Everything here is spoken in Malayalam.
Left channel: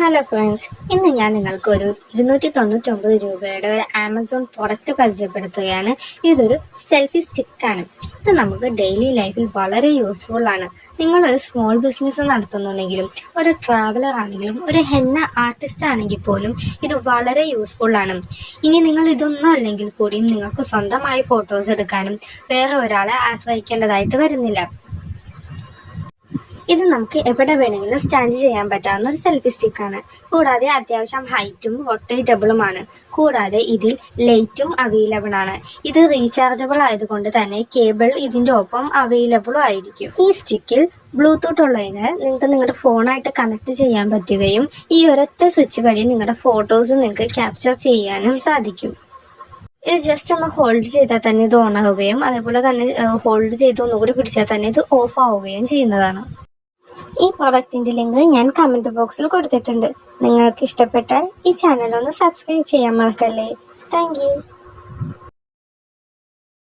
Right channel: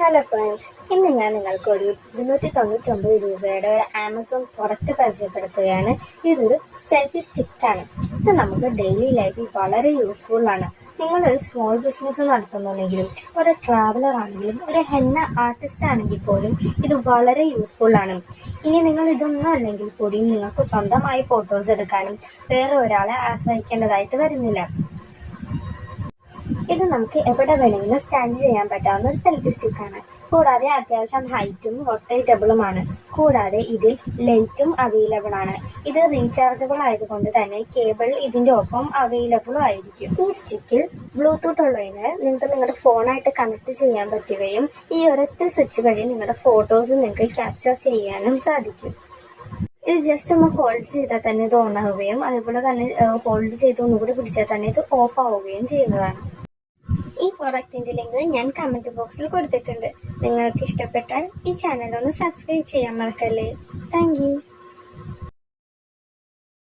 ഹലോ ഫ്രണ്ട്സ്, ഇന്ന് ഞാൻ നിങ്ങൾക്കൊരു 299 രൂപയുടെ ഒരു ആമസോൺ പ്രൊഡക്റ്റ് പരിചയപ്പെടുത്തുകയാണ്. ഇതൊരു സെൽഫി സ്റ്റിക്കാണ്. ഇത് നമുക്ക് ഡെയിലി ലൈഫിൽ വളരെ യൂസ്ഫുൾ ആണ്. നിങ്ങളൊരു സ്മോൾ ബിസിനസ് നടത്തുന്നുണ്ടെങ്കിലും ഒരു ട്രാവലർ ആണെങ്കിലും ഒരു ഹെന്ന ആർട്ടിസ്റ്റ് ആണെങ്കിൽ പോലും ഇത് വളരെ യൂസ്ഫുൾ ആണ്. ഇനി നിങ്ങൾ ഇതൊന്നും അല്ലെങ്കിൽ കൂടിയും നിങ്ങൾക്ക് സ്വന്തമായി ഫോട്ടോസ് എടുക്കാനും വേറെ ഒരാളെ ആശ്രയിക്കേണ്ടതായിട്ട് വരുന്നില്ല. ഇത് നമുക്ക് എവിടെ വേണമെങ്കിലും സ്റ്റാൻഡ് ചെയ്യാൻ പറ്റാവുന്ന ഒരു സെൽഫി സ്റ്റിക്കാണ്. കൂടാതെ അത്യാവശ്യം ഹൈറ്റും റൊട്ടേറ്റബിളുമാണ്. കൂടാതെ ഇതിൽ ലൈറ്റും അവൈലബിൾ ആണ്. ഇത് റീചാർജബിൾ ആയതുകൊണ്ട് തന്നെ കേബിൾ ഇതിൻ്റെ ഒപ്പം അവൈലബിളും ആയിരിക്കും. ഈ സ്റ്റിക്കിൽ ബ്ലൂടൂത്ത് ഉള്ളതിനാൽ നിങ്ങൾക്ക് നിങ്ങളുടെ ഫോണായിട്ട് കണക്ട് ചെയ്യാൻ പറ്റുകയും ഈ ഒരൊറ്റ സ്വിച്ച് വഴി നിങ്ങളുടെ ഫോട്ടോസ് നിങ്ങൾക്ക് ക്യാപ്ചർ ചെയ്യാനും സാധിക്കും. ഇത് ജസ്റ്റ് ഒന്ന് ഹോൾഡ് ചെയ്താൽ തന്നെ ഇത് ഓൺ ആവുകയും അതേപോലെ തന്നെ ഹോൾഡ് ചെയ്ത് ഒന്നുകൂടി പിടിച്ചാൽ തന്നെ ഇത് ഓഫ് ആവുകയും ചെയ്യുന്നതാണ്. ഈ പ്രൊഡക്റ്റിന്റെ ലിങ്ക് ഞാൻ കമന്റ് ബോക്സിൽ കൊടുത്തിട്ടുണ്ട്. നിങ്ങൾക്ക് ഇഷ്ടപ്പെട്ടാൽ ഈ ചാനൽ ഒന്ന് സബ്സ്ക്രൈബ് ചെയ്യാൻ മറക്കല്ലേ. താങ്ക്